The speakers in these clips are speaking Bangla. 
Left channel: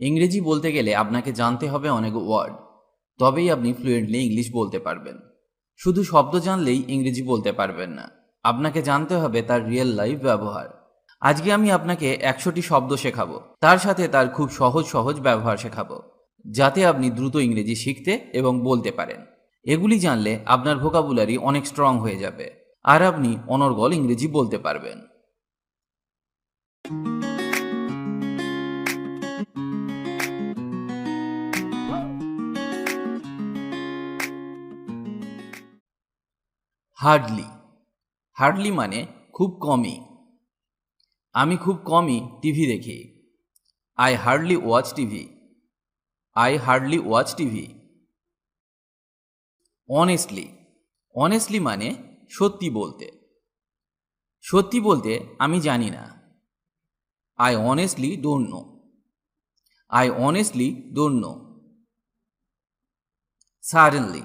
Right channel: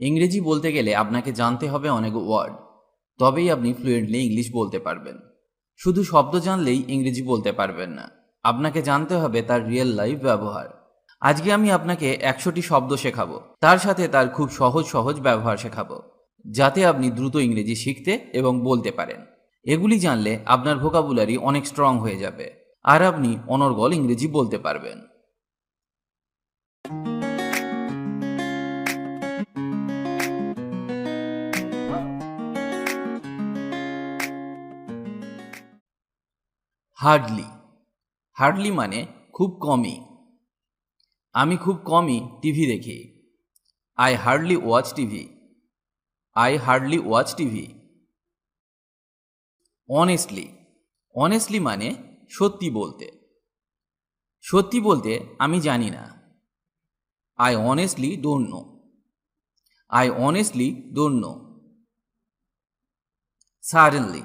ইংরেজি বলতে গেলে আপনাকে জানতে হবে অনেক ওয়ার্ড, তবেই আপনি ফ্লুয়েন্টলি ইংলিশ বলতে পারবেন। শুধু শব্দ জানলেই ইংরেজি বলতে পারবেন না, আপনাকে জানতে হবে তার রিয়েল লাইফ ব্যবহার। আজকে আমি আপনাকে 100টি শব্দ শেখাবো, তার সাথে তার খুব সহজ সহজ ব্যবহার শেখাবো, যাতে আপনি দ্রুত ইংরেজি শিখতে এবং বলতে পারেন। এগুলি জানলে আপনার ভোকাবুলারি অনেক স্ট্রং হয়ে যাবে, আর আপনি অনর্গল ইংরেজি বলতে পারবেন। হার্ডলি। হার্ডলি মানে খুব কমই। আমি খুব কমই টিভি দেখি। I hardly watch TV. I hardly watch TV. Honestly. Honestly মানে সত্যি বলতে। সত্যি বলতে আমি জানি না। I honestly don't know. I honestly don't know. Suddenly.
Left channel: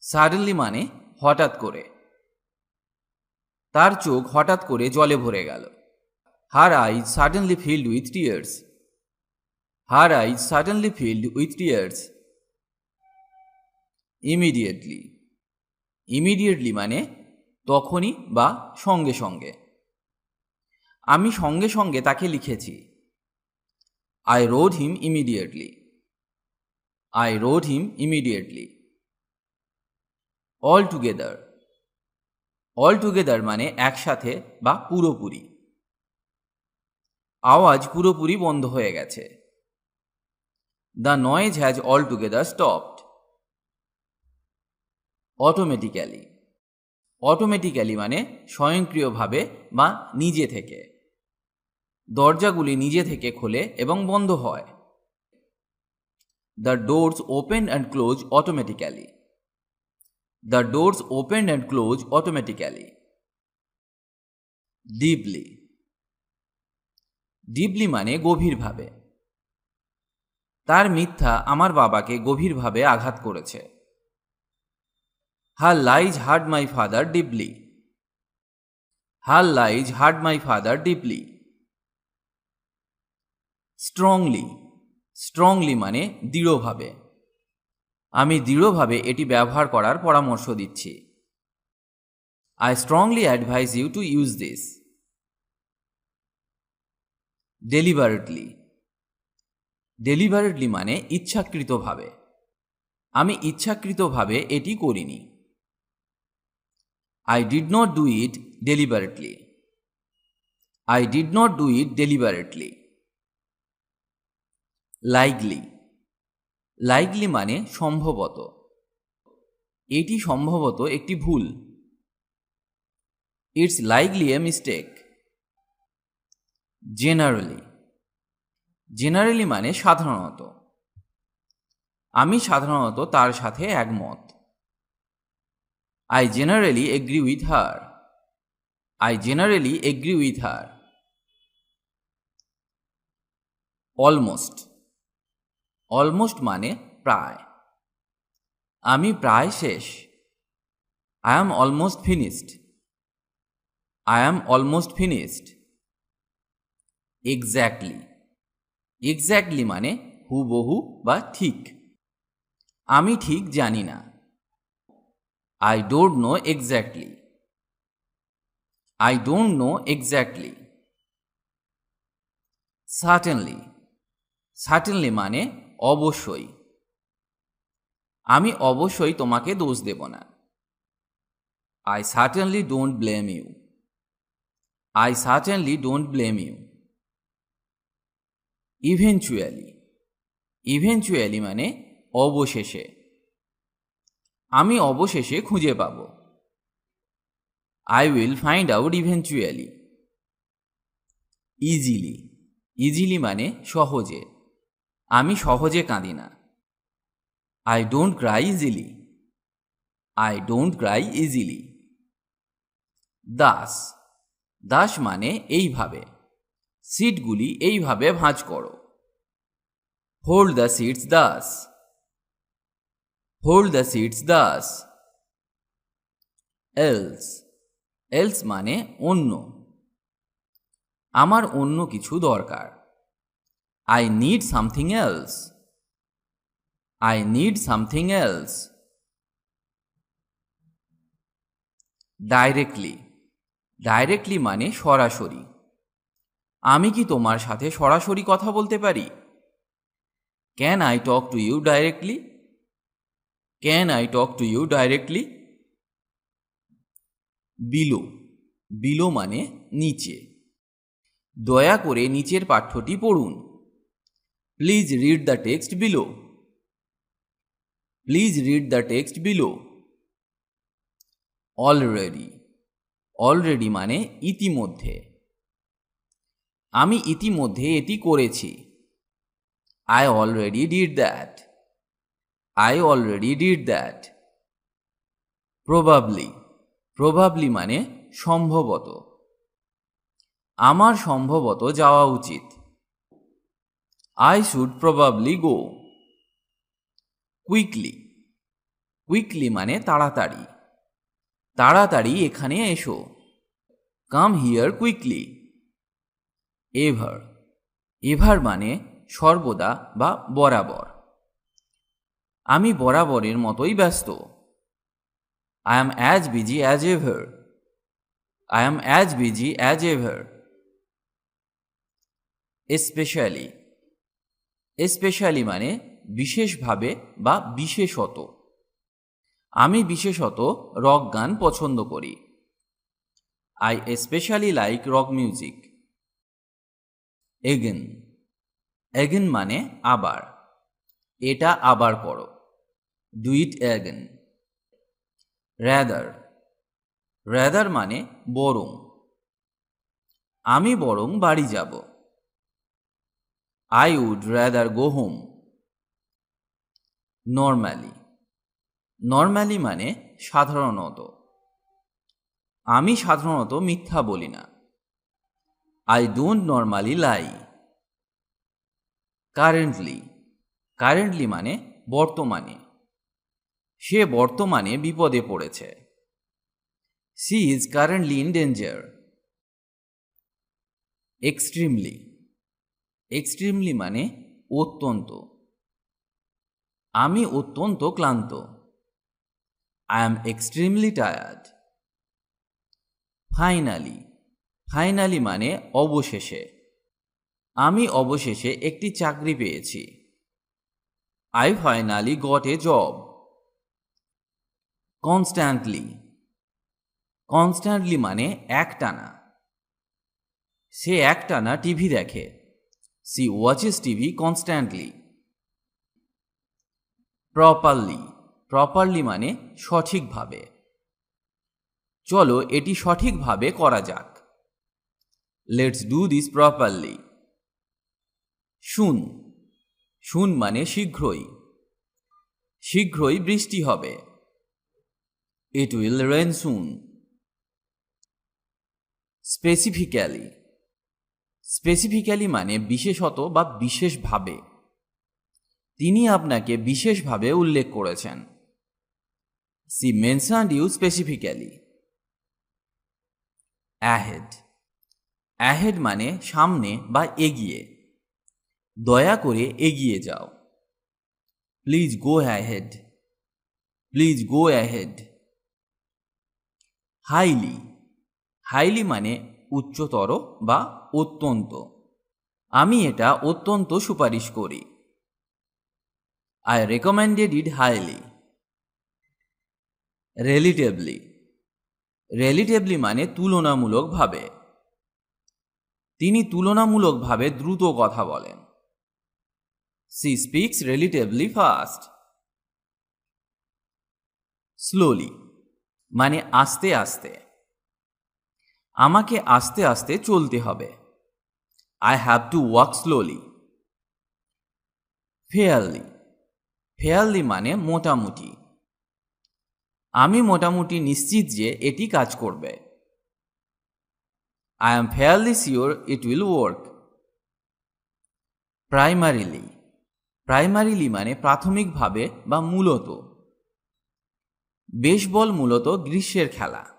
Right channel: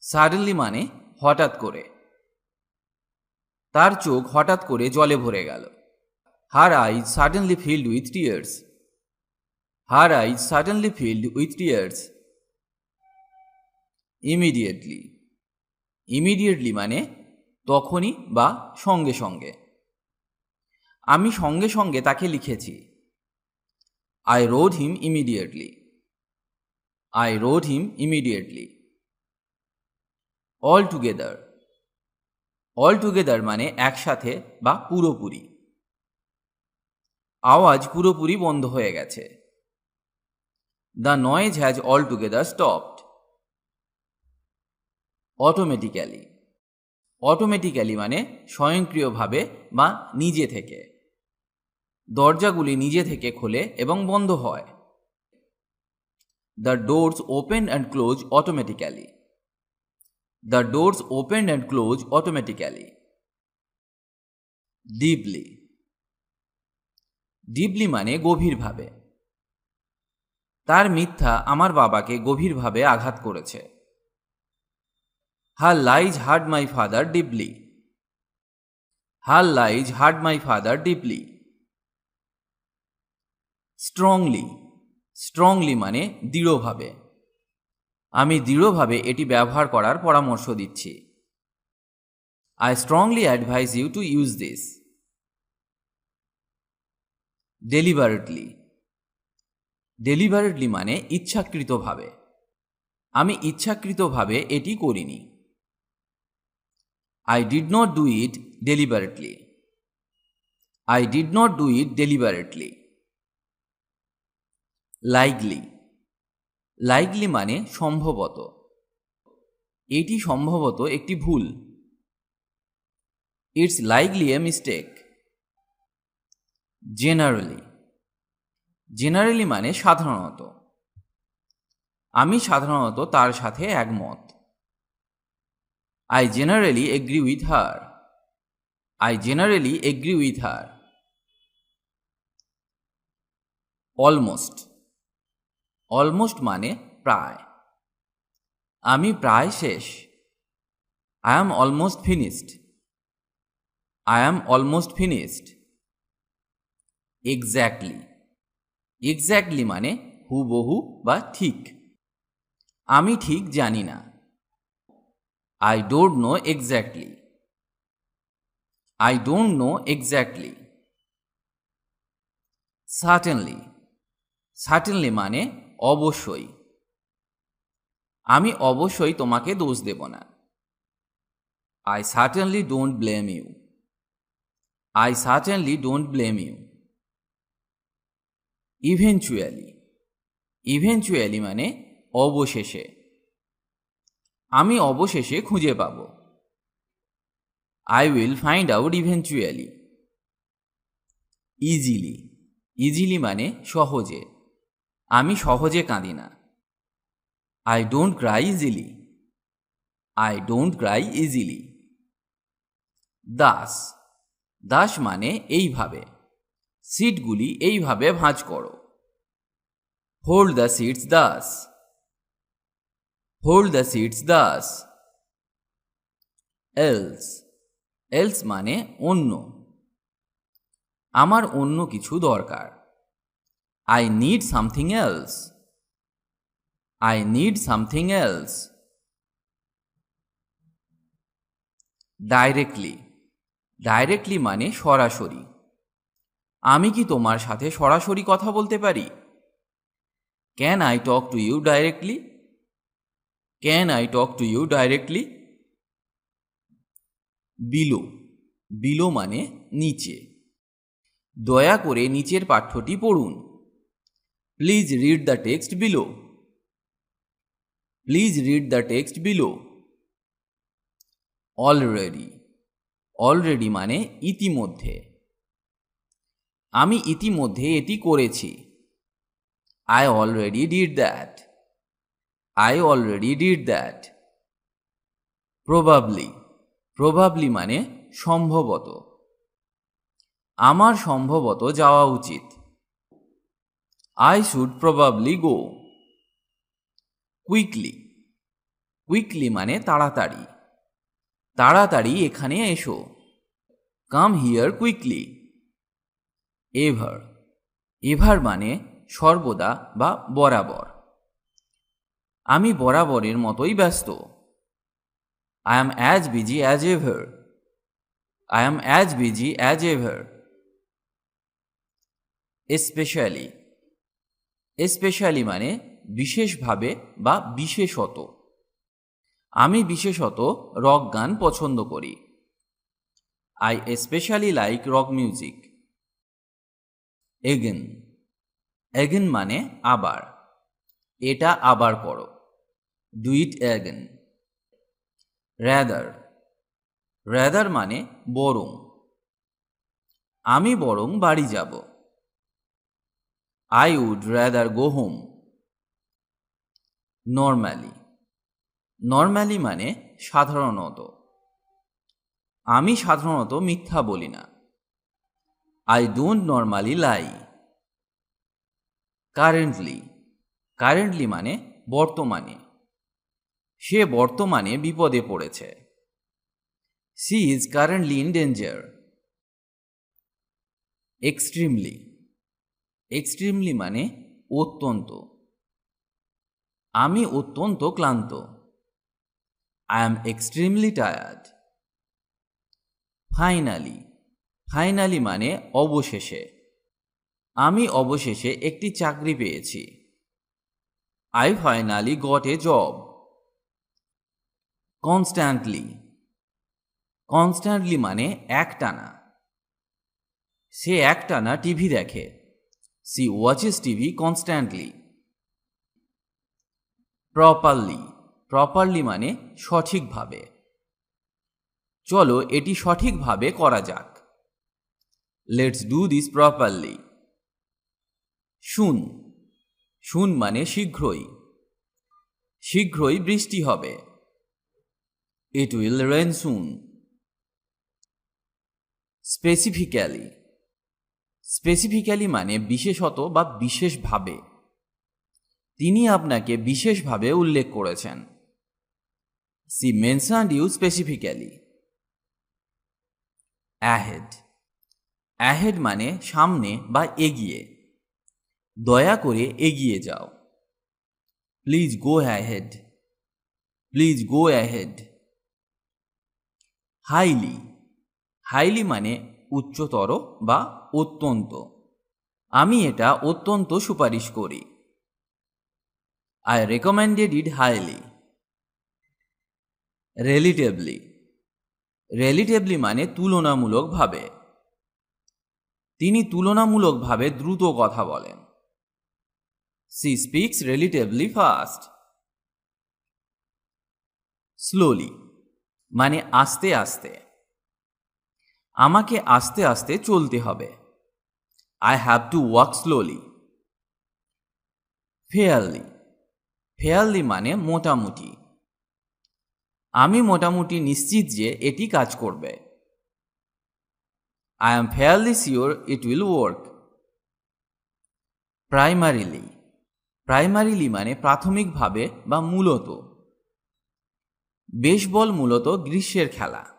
Suddenly মানে হঠাৎ করে। তার চোখ হঠাৎ করে জলে ভরে গেল। Her eyes suddenly filled with tears. Her eyes suddenly filled with tears. Immediately. Immediately মানে তখনই বা সঙ্গে সঙ্গে। আমি সঙ্গে সঙ্গে তাকে লিখেছি। I road him immediately. I road him immediately. All together. Altogether মানে একসাথে বা পুরোপুরি। আওয়াজ পুরোপুরি বন্ধ হয়ে গেছে। The noise has all together stopped. Automatically. Automatically মানে স্বয়ংক্রিয়ভাবে বা নিজে থেকে। দরজাগুলি নিজে থেকে খোলে এবং বন্ধ হয়। The doors open and close automatically. The doors open and close automatically. Deeply. Deeply মানে গভীরভাবে। তার মিথ্যা আমার বাবাকে গভীরভাবে আঘাত করেছে। Her lies hurt my father deeply. Her lies hurt my father deeply. Strongly. Strongly মানে দৃঢ়ভাবে। আমি দৃঢ়ভাবে এটি ব্যবহার করার পরামর্শ দিচ্ছি। I strongly advise you to use this. Deliberately. Deliberately মানে ইচ্ছাকৃতভাবে। আমি ইচ্ছাকৃতভাবে এটি করিনি। I did not do it deliberately. I did not do it deliberately. Likely. Likely মানে সম্ভবত। এটি সম্ভবত একটি ভুল। It's likely a mistake. Generally. Generally মানে সাধারণত। আমি সাধারণত তার সাথে একমত। I generally agree with her. I generally agree with her. Almost. Almost মানে প্রায়। আমি প্রায় শেষ। I am almost finished. I am almost finished. Exactly. Exactly মানে হুবহু বা ঠিক। আমি ঠিক জানি না। I don't know exactly. I don't know exactly. Certainly. Certainly মানে অবশ্যই। আমি অবশ্যই তোমাকে দোষ দেব না। I certainly don't blame you. I certainly don't blame you. Eventually. Eventually মানে অবশেষে। আমি অবশেষে খুঁজে পাব। I will find out eventually. Easily. Easily মানে সহজে। আমি সহজে কাঁদি না। I don't cry easily. I don't cry easily. Thus. Thus মানে এইভাবে। সিটগুলি এইভাবে ভাঁজ করো। Hold the sheets thus. Hold the sheets thus. Else. Else মানে অন্য। আমার অন্য কিছু দরকার। I need something else. I need something else. Directly. Directly মানে সরাসরি। আমি কি তোমার সাথে সরাসরি কথা বলতে পারি? Can I talk to you directly? Can I talk to you directly? Below. Below মানে নিচে। দয়া করে নিচের পাঠ্যটি পড়ুন। Please read the text below. Please read the text below. Already. Already মানে ইতিমধ্যে। আমি ইতিমধ্যে এটি করেছি। I already did that. I already did that. Probably. Probably মানে সম্ভবত। আমার সম্ভবত যাওয়া উচিত। I should probably go. Quickly. Quickly মানে তাড়াতাড়ি। তাড়াতাড়ি এখানে এসো। Come here quickly. Ever. Ever মানে সর্বদা বা বরাবর। আমি বরাবরের মতোই ব্যস্ত। I am as busy as ever. I am as busy as ever. Especially. Especially মানে বিশেষভাবে বা বিশেষত। আমি বিশেষত রক গান পছন্দ করি। I especially like rock music. Again. Again মানে আবার। এটা আবার করো। Do it again. Rather. Rather মানে বরং। আমি বরং বাড়ি যাব। I would rather go home. Normally. Normally মানে সাধারণত। আমি সাধারণত মিথ্যা বলি না। I don't normally lie. Currently. Currently মানে বর্তমানে। সে বর্তমানে বিপদে পড়েছে। She is currently in danger. Extremely. Extremely মানে অত্যন্ত। আমি অত্যন্ত ক্লান্ত। I am extremely tired. Finally. Finally মানে অবশেষে। আমি অবশেষে একটি চাকরি পেয়েছি। I finally got a job. Constantly. Constantly মানে একটানা। সে একটানা টিভি দেখে। She watches TV constantly. Properly. Properly মানে সঠিকভাবে। চলো এটি সঠিকভাবে করা যাক। Let's do this properly. Soon. Soon মানে শীঘ্রই। শীঘ্রই বৃষ্টি হবে। It will rain soon. Specifically. Specifically মানে বিশেষত বা বিশেষভাবে। তিনি আপনাকে বিশেষভাবে উল্লেখ করেছেন। She mentioned you specifically. Ahead. Ahead মানে সামনে বা এগিয়ে। দয়া করে এগিয়ে যাও। Please go ahead. Please go ahead. Highly. Highly মানে উচ্চতর বা অত্যন্ত। আমি এটা অত্যন্ত সুপারিশ করি। I recommended it highly. Relatively. Relatively মানে তুলনামূলকভাবে। তিনি তুলনামূলকভাবে দ্রুত কথা বলেন। She speaks relatively fast. Slowly মানে আস্তে আস্তে। আমাকে আস্তে আস্তে চলতে হবে। I have to walk slowly. Fairly. Fairly মানে মোটামুটি। আমি মোটামুটি নিশ্চিত যে এটি কাজ করবে। I am fairly sure it will work. Primarily. Primarily মানে প্রাথমিকভাবে বা মূলত। বেসবল মূলত গ্রীষ্মের খেলা।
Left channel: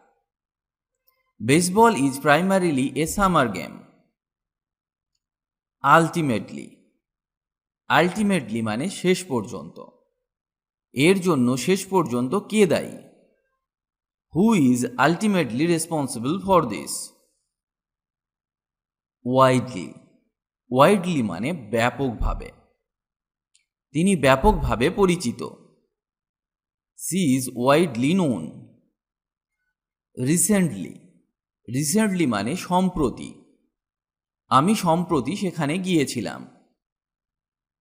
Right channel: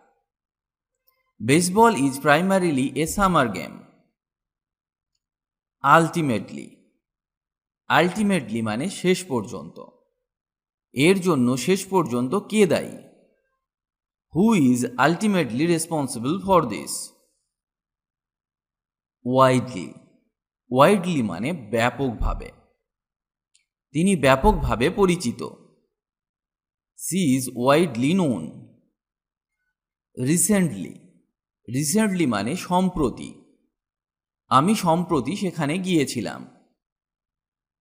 Baseball is primarily a summer game. Ultimately. Ultimately মানে শেষ পর্যন্ত। এর জন্য শেষ পর্যন্ত কে দায়ী? Who is ultimately responsible for this? Widely. Widely মানে ব্যাপকভাবে। তিনি ব্যাপকভাবে পরিচিত। She is widely known. Recently. Recently মানে সম্প্রতি। আমি সম্প্রতি সেখানে গিয়েছিলাম।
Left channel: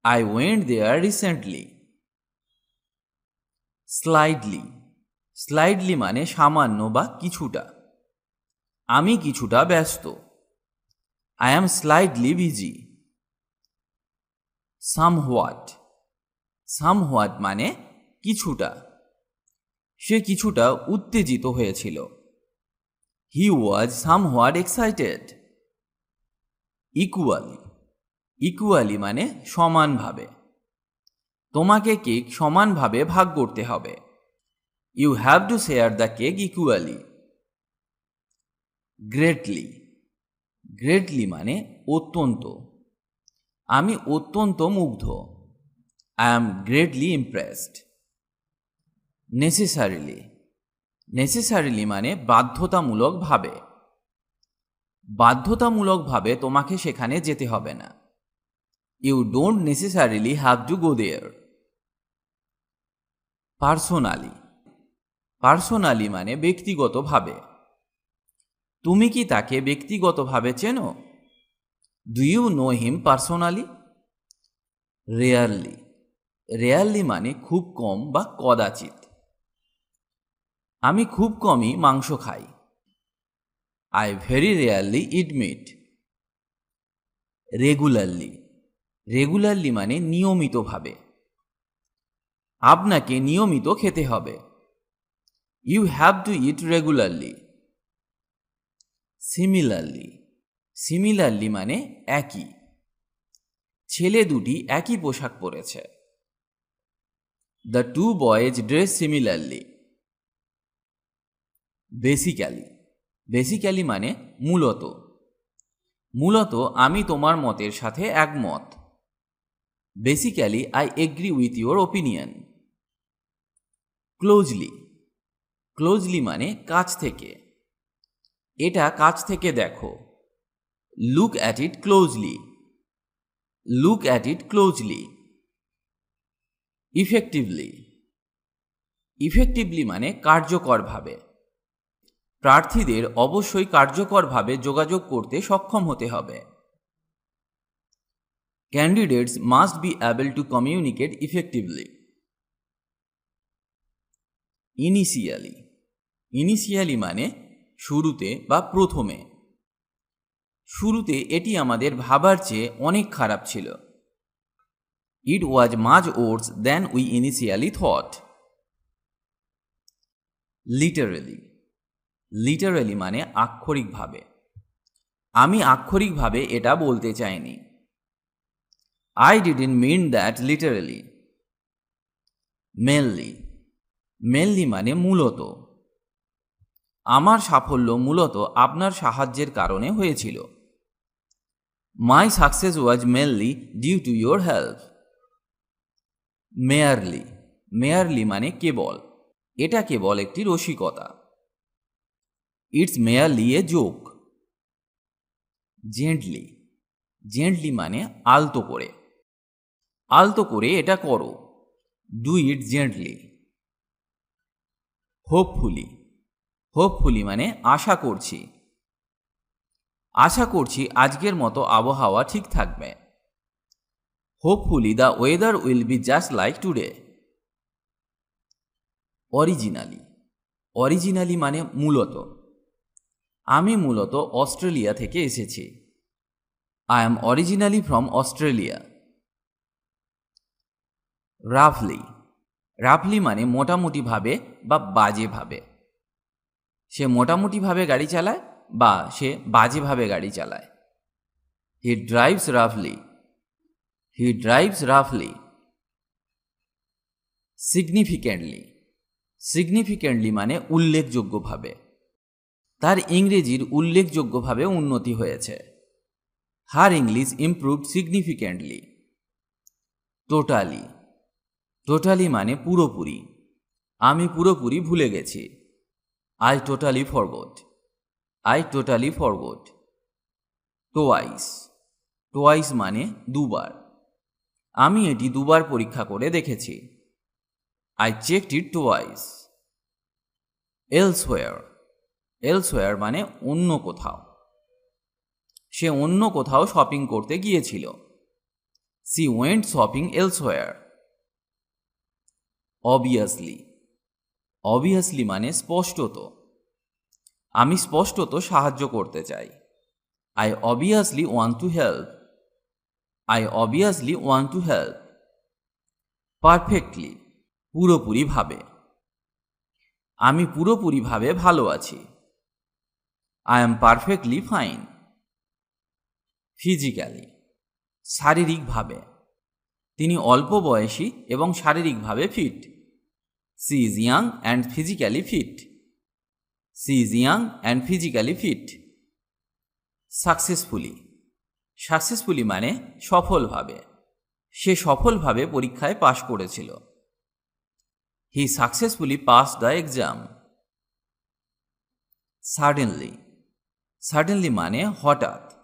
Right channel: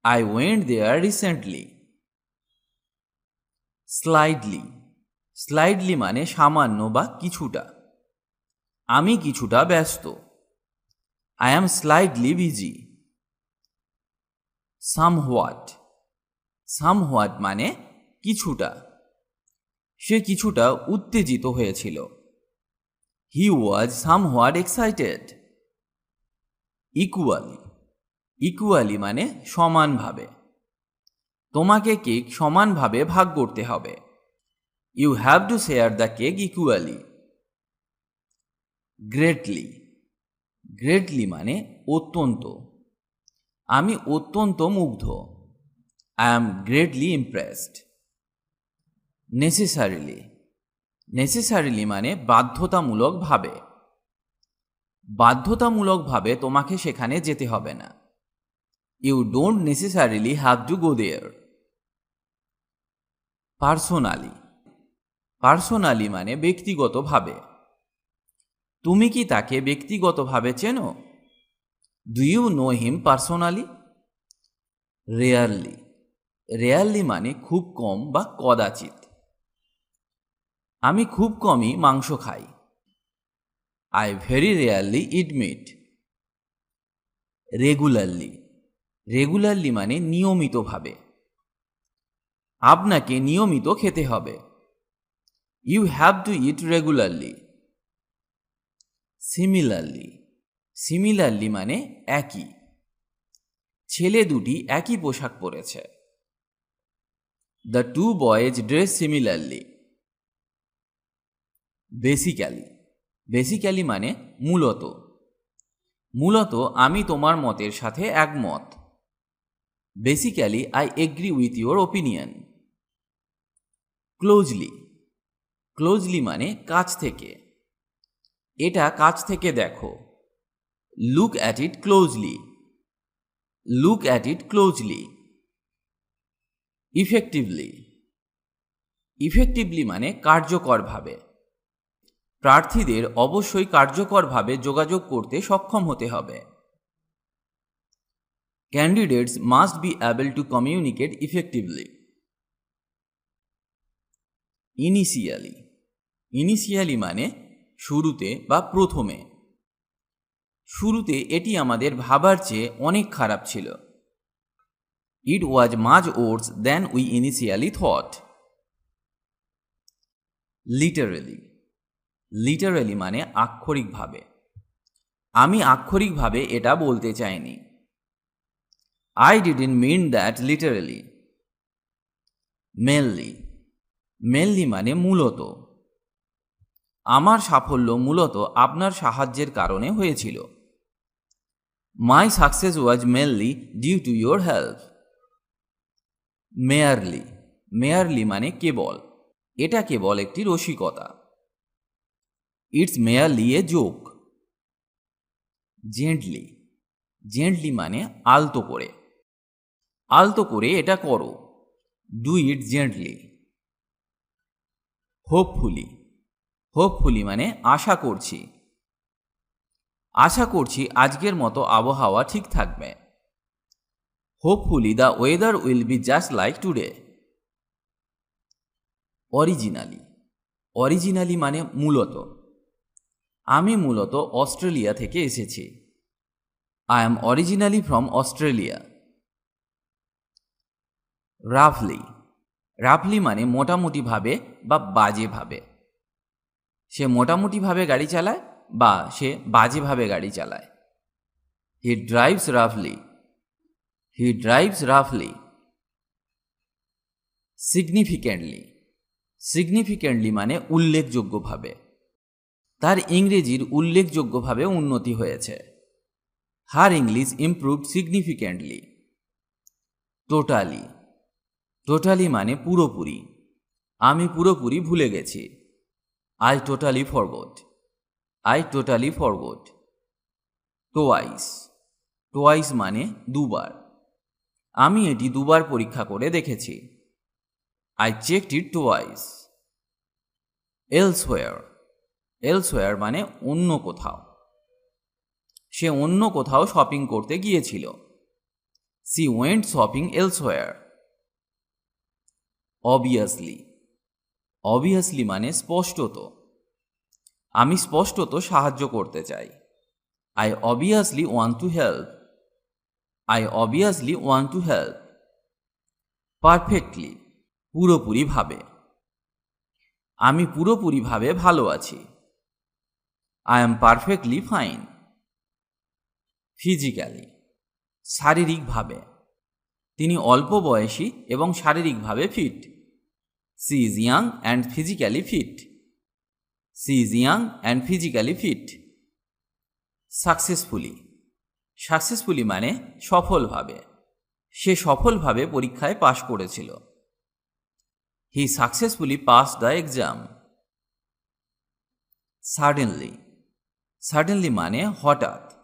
I went there recently. Slightly. Slightly মানে সামান্য বা কিছুটা। আমি কিছুটা ব্যস্ত। I am slightly busy. Somewhat. Somewhat মানে কিছুটা। সে কিছুটা উত্তেজিত হয়েছিল। He was somewhat excited. Equally. Equally মানে সমানভাবে। তোমাকে কেক সমানভাবে ভাগ করতে হবে। You have to share the cake equally. Greatly. Greatly মানে অত্যন্ত। আমি অত্যন্ত মুগ্ধ। I am greatly impressed. Necessarily. Necessarily মানে বাধ্যতামূলকভাবে। বাধ্যতামূলকভাবে তোমাকে সেখানে যেতে হবে না। You don't necessarily have to go there. Personally. Personally মানে ব্যক্তিগতভাবে। তুমি কি তাকে ব্যক্তিগতভাবে চেনো? Do you know him personally? Rarely. Rarely মানে খুব কম বা কদাচিৎ। আমি খুব কমই মাংস খাই। I very rarely eat meat. Regularly. Regularly মানে নিয়মিতভাবে। আপনাকে নিয়মিত খেতে হবে। You have to eat regularly. Similarly. Similarly মানে একই। ছেলে দুটি একই পোশাক পরেছে। The two boys dress similarly. Basically. Basically মানে মূলত। মূলত আমি তোমার মতের সাথে একমত। Basically I agree with your opinion. Closely. Closely মানে কাছ থেকে। এটা কাছ থেকে দেখো। Look at it closely. Look at it closely. Effectively. Effectively মানে কার্যকরভাবে। প্রার্থীদের অবশ্যই কার্যকরভাবে যোগাযোগ করতে সক্ষম হতে হবে। Candidates must be able to communicate effectively. Initially. Initially মানে শুরুতে বা প্রথমে। শুরুতে এটি আমাদের ভাবার চেয়ে অনেক খারাপ ছিল। It was much worse than we initially thought. Literally. Literally মানে আক্ষরিকভাবে। আমি আক্ষরিকভাবে এটা বলতে চাইনি। I didn't mean that literally. Mainly. Mainly মানে মূলত। আমার সাফল্য মূলত আপনার সাহায্যের কারণে হয়েছিল। My success was mainly due to your help. Merely. Merely মানে কেবল। এটা কেবল একটি রসিকতা। It's merely a joke. Gently. Gently মানে আলতো করে। আলতো করে এটা করো। Do it gently. Hopefully. Hopefully মানে আশা করছি। আশা করছি আজকের মতো আবহাওয়া ঠিক থাকবে। Hopefully the weather will be just like today. Originally. Originally মানে মূলত। আমি মূলত অস্ট্রেলিয়া থেকে এসেছি। I am originally from Australia. রাফলি। রাফলি মানে মোটামুটিভাবে বা বাজেভাবে। সে মোটামুটিভাবে গাড়ি চালায় বা সে বাজেভাবে গাড়ি চালায়। হি ড্রাইভস রাফলি। হি ড্রাইভস রাফলি। সিগনিফিক্যান্টলি। সিগনিফিক্যান্টলি মানে উল্লেখযোগ্যভাবে। তার ইংরেজির উল্লেখযোগ্যভাবে উন্নতি হয়েছে। Her English improved significantly. Totally. Totally মানে পুরোপুরি। আমি পুরোপুরি ভুলে গেছি। I totally forgot. I totally forgot. Twice. Twice মানে দুবার। আমি এটি দুবার পরীক্ষা করে দেখেছি। I checked it twice. Elsewhere. Elsewhere মানে অন্য কোথাও। সে অন্য কোথাও শপিং করতে গিয়েছিল। She went shopping elsewhere. Obviously. Obviously মানে স্পষ্টত। আমি স্পষ্টত সাহায্য করতে চাই। I obviously want to help. I obviously want to help. Perfectly পুরোপুরিভাবে। আমি পুরোপুরিভাবে ভালো আছি। I am perfectly fine. Physically শারীরিকভাবে। তিনি অল্প বয়সী এবং শারীরিকভাবে fit. She is young and physically fit. She is young and physically fit. Successfully. Successfully মানে সফলভাবে। সে সফলভাবে পরীক্ষায় পাশ করেছিল। He successfully pass the exam. Suddenly. Suddenly মানে হঠাৎ।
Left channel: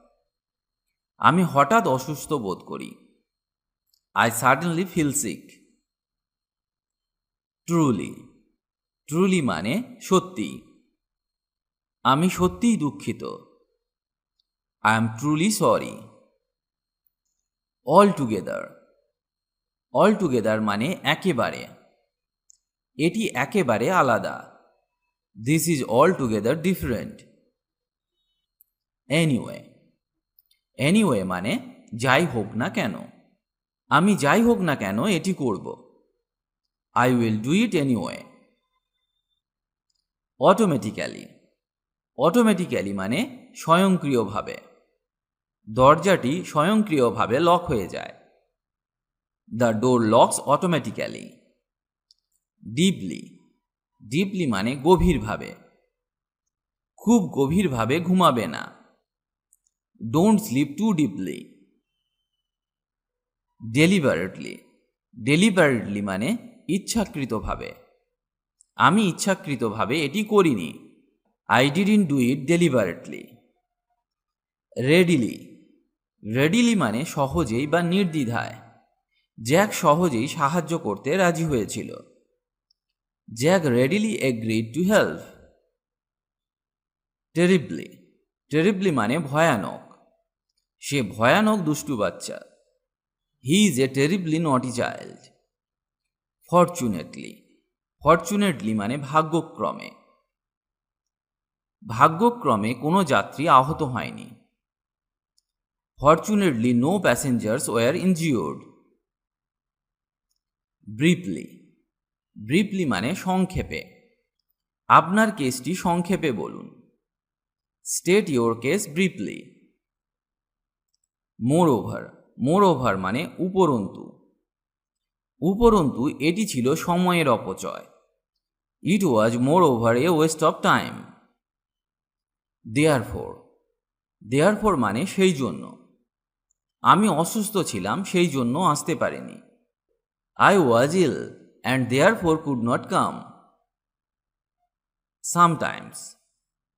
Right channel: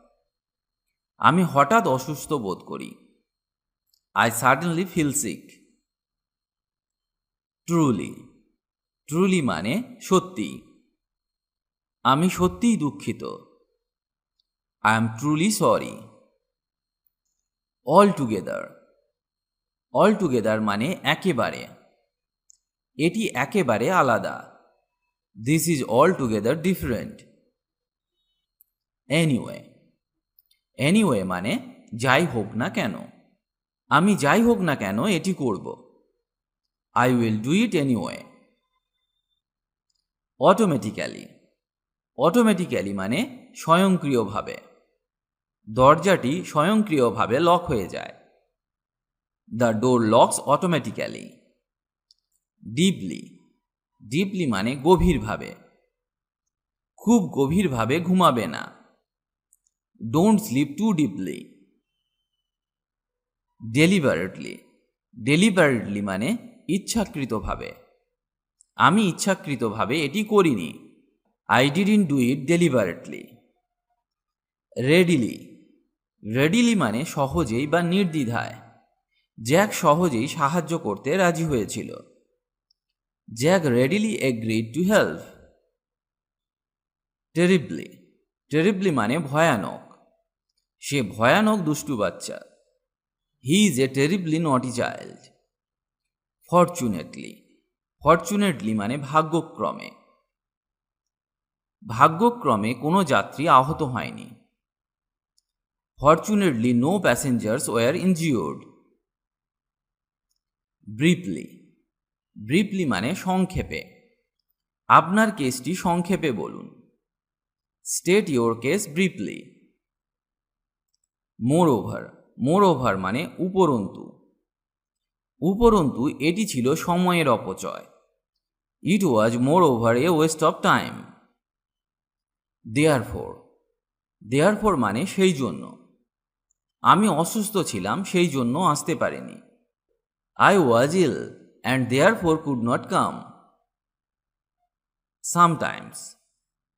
আমি হঠাৎ অসুস্থ বোধ করি। I suddenly feel sick. Truly. Truly মানে সত্যি। আমি সত্যিই দুঃখিত। I am truly sorry. Altogether. Altogether মানে একেবারে। এটি একেবারে আলাদা। This is altogether different. Anyway. Anyway মানে যাই হোক না কেন। আমি যাই হোক না কেন এটি করব। I will do it anyway. Automatically. Automatically মানে স্বয়ংক্রিয়ভাবে। দরজাটি স্বয়ংক্রিয়ভাবে লক হয়ে যায়। The door locks automatically. Deeply. Deeply মানে গভীরভাবে। খুব গভীরভাবে ঘুমাবে না। Don't sleep too deeply. Deliberately. Deliberately মানে ইচ্ছাকৃতভাবে। আমি ইচ্ছাকৃতভাবে এটি করিনি। I didn't do it deliberately. Readily. Readily মানে সহজেই বা নির্দ্বিধায়। জ্যাক সহজেই সাহায্য করতে রাজি হয়েছিল। Jack readily agreed to help. Terribly. Terribly মানে ভয়ানক। সে ভয়ানক দুষ্টু বাচ্চা। He is a terribly naughty child. Fortunately. Fortunately মানে ভাগ্যক্রমে। ভাগ্যক্রমে কোনো যাত্রী আহত হয়নি। Fortunately no passengers were injured. Briefly. Briefly মানে সংক্ষেপে। আপনার কেসটি সংক্ষেপে বলুন। State your case briefly. Moreover. Moreover মানে উপরন্তু। উপরন্তু এটি ছিল সময়ের অপচয়। It was moreover a waste of time. Therefore. Therefore মানে সেই জন্য। আমি অসুস্থ ছিলাম সেই জন্য আসতে পারিনি। I was ill and therefore could not come. Sometimes.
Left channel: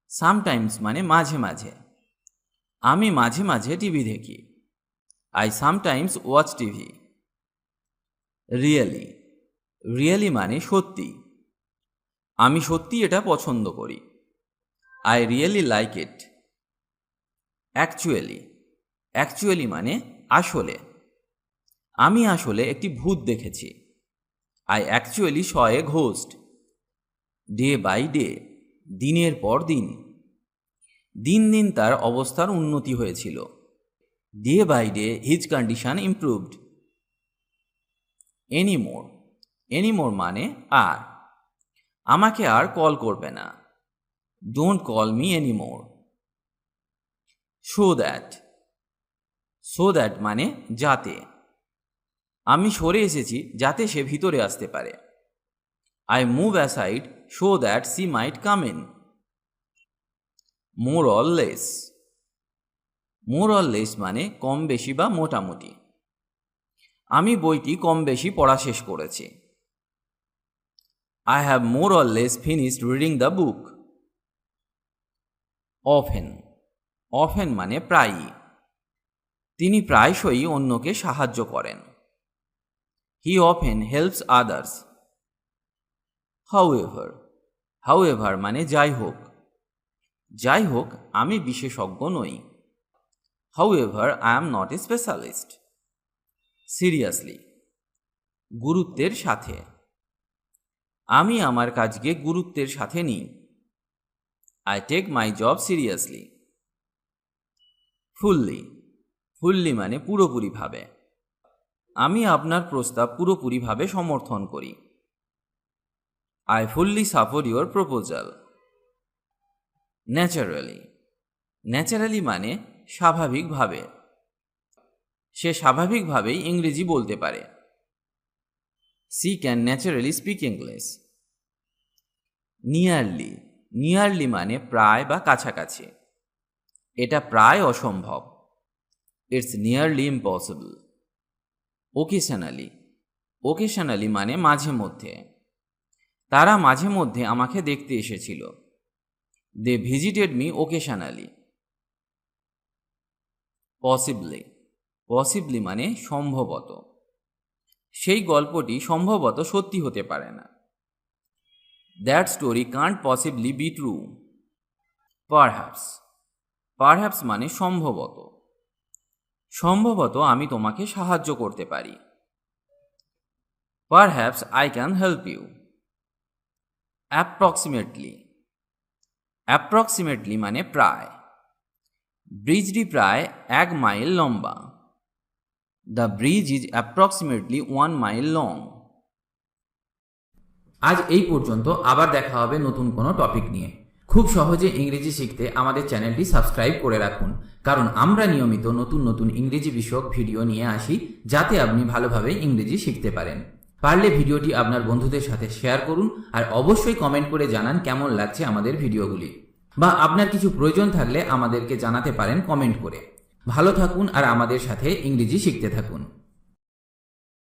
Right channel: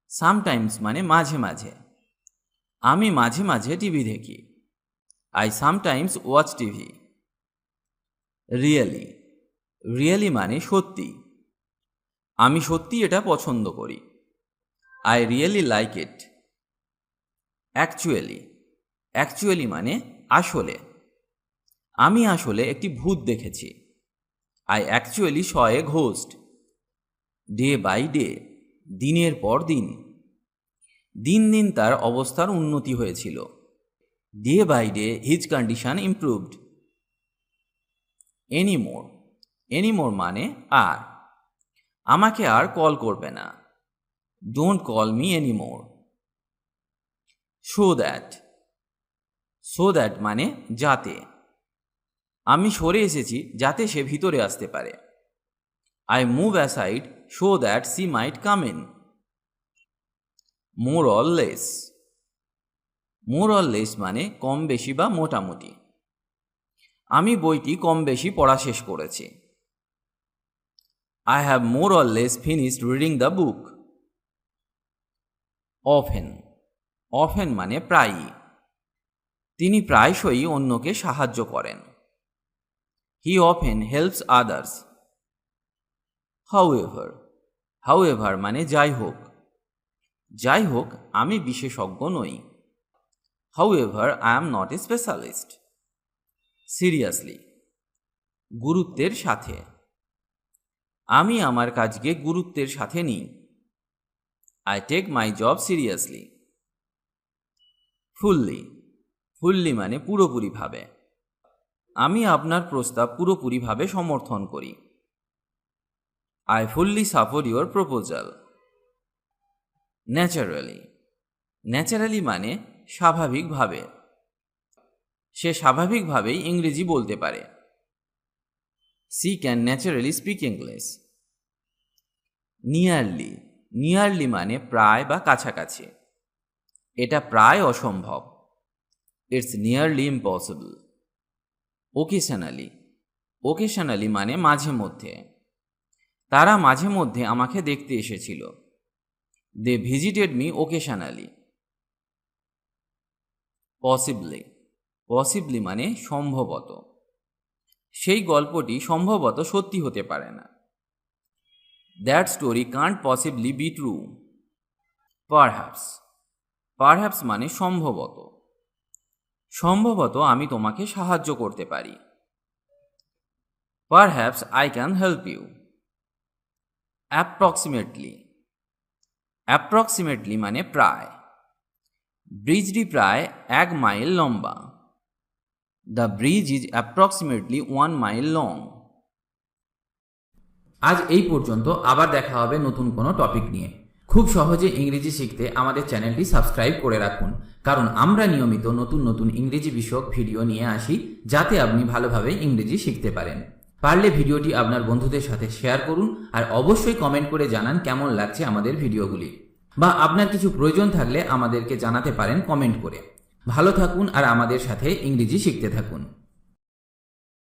Sometimes মানে মাঝে মাঝে। আমি মাঝে মাঝে টিভি দেখি। I sometimes watch TV. Really. Really মানে সত্যি। আমি সত্যি এটা পছন্দ করি। I really like it. Actually. Actually মানে আসলে। আমি আসলে একটি ভূত দেখেছি। I actually saw a ghost. Day by day দিনের পর দিন। দিন দিন তার অবস্থার উন্নতি হয়েছিল। Day by day his condition improved. Anymore. Anymore মানে আর। আমাকে আর কল করবে না। Don't call me anymore. So that. So that মানে যাতে। আমি সরে এসেছি যাতে সে ভিতরে আসতে পারে। I move aside so that she might come in. More or less. More or less মানে কম বেশি বা মোটামুটি। আমি বইটি কম বেশি পড়া শেষ করেছি। I have more or less finished reading the book. Often. Often মানে প্রায়ই। তিনি প্রায়শই অন্যকে সাহায্য করেন। He often helps others. However. However মানে যাই হোক। যাই হোক, আমি বিশেষজ্ঞ নই। However, I am not a specialist. Seriously. গুরুত্বের সাথে। আমি আমার কাজকে গুরুত্বের সাথে নিই। I take my job seriously. Fully. Fully মানে পুরোপুরিভাবে। আমি আপনার প্রস্তাব পুরোপুরিভাবে সমর্থন করি। I fully support your proposal. Naturally. Naturally মানে স্বাভাবিকভাবে। সে স্বাভাবিকভাবেই ইংরেজি বলতে পারে। She can naturally speak English. Nearly. Nearly মানে প্রায় বা কাছাকাছি। এটা প্রায় অসম্ভব। It's nearly impossible. Occasionally. Occasionally মানে মাঝে মধ্যে। তারা মাঝে মধ্যে আমাকে দেখতে এসেছিল। They visited me occasionally. Possibly. Possibly মানে সম্ভবত। সেই গল্পটি সম্ভবত সত্যি হতে পারে না। That story can't possibly be true. Perhaps. Perhaps মানে সম্ভবত। সম্ভবত আমি তোমাকে সাহায্য করতে পারি। Perhaps I can help you. Approximately. Approximately মানে প্রায়। ব্রিজটি প্রায় 1 মাইল লম্বা। The bridge is approximately 1 mile long. আজ এই পর্যন্ত, আবার দেখা হবে নতুন কোনো টপিক নিয়ে। খুব সহজে ইংরেজি শিখতে আমাদের চ্যানেলটি সাবস্ক্রাইব করে রাখুন, কারণ আমরা নিয়মিত নতুন নতুন ইংরেজি বিষয়ক ভিডিও নিয়ে আসি, যাতে আপনি ভালোভাবে ইংরেজি শিখতে পারেন। পারলে ভিডিওটি আপনার বন্ধুদের সাথে শেয়ার করুন, আর অবশ্যই কমেন্ট করে জানান কেমন লাগছে আমাদের ভিডিওগুলি, বা আপনার কিছু প্রয়োজন থাকলে আমাদেরকে জানাতে পারেন কমেন্ট করে। ভালো থাকুন আর আমাদের সাথে ইংরেজি শিখতে থাকুন।